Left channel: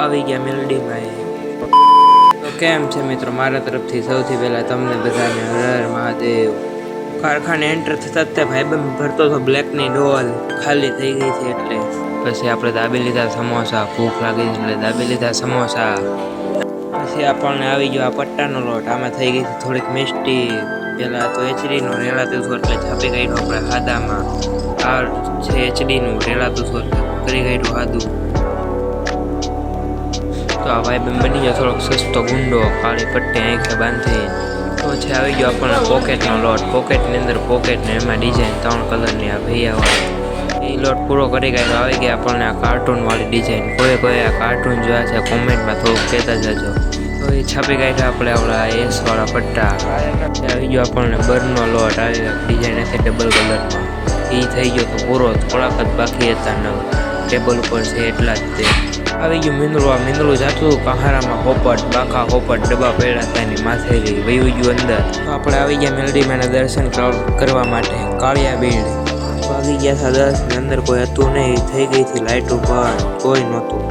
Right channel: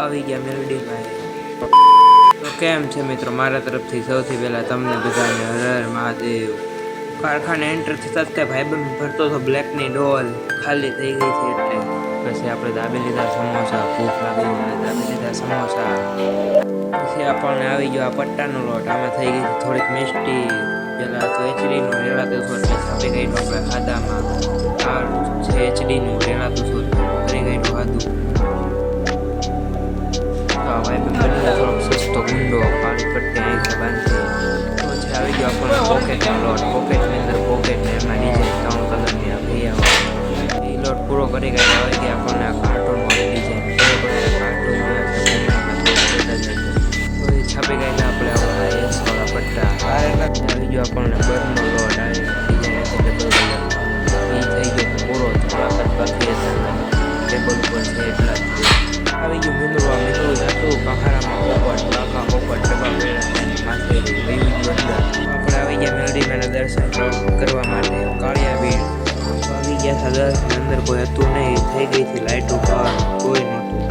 આવી ગયા મેલડીમાં. તો કેમ છે મિત્રો, મારા તરફથી સૌથી પહેલાં તમને બધાને હર મહાદેવ. કારખાને એન્ટર થતા ત્યાં ભાઈબંધ ભરતો હતો બ્લેકની ડોલ, ખાલી થઈ ગઈ છે એટલે પછી આપણે દાબી લીધા સમોસા. ભૂખ લાગી એટલે દાબી લીધા સમોસા. પછી આપણને આવી ગયો આ પટ્ટાનો લોટ. આમાં થઈ ગઈ થોડીક મિસ્ટી. પેલા તો એચડીનું રેલાતું હતું એટલે છાપી કાઢ્યું આપણે હાદામાં. આ છે એચડીનું રેલાતું હતું કરી કાઢ્યું હાદું. તો આ ભાઈબંધ બની ગયો થોડોક સસ્તો ગુંડો, કાળી પટ્ટી આંખે બાંધી. તો છે આવી ગયો આપણને પોકેટનો લોટ. પોકેટની અંદર પોકેટ ને એમાં ડિઝાઇન 3 કલરની આ ભૈયાવાળી. એ લોટ પૂરો કરી કાઢ્યો. આવી ગયા આપણને આ કાર્ટૂનવાળી ડિઝાઇન. કોઈ આ કાર્ટૂન જોયા છે કોમેન્ટમાં થોડુંક કહેતા જજો. તો એ છાપી કાઢ્યા આપણે આપણા એસવાળા પટ્ટા. આવી ગયો આપણને બરનો લોટ. આવી ડિઝાઇન હતી ડબલ કલરમાં. એ થઈ ગયો તો પૂરો. થોડાક જ બાકી હતા ને ટેબલ ઉપર છે એટલા જ તે. આવી ગયું મીંદડું. આ મીંદડું જાતું કહારામાં પોપટ, બાકા પોપટ ડબ્બા પડ્યા હતા એની માથે વયું ગયું અંદર. તો આપણે આવી ગયા મેલડીમાંના દર્શન કરવા માટે. કાળિયા બીડ વાગી ગયા હતા 10 ની અંદર કોઈ હતું નહીં. થઈ ગઈ હતી લાઇટ ઉપર, કોઈ નહોતું.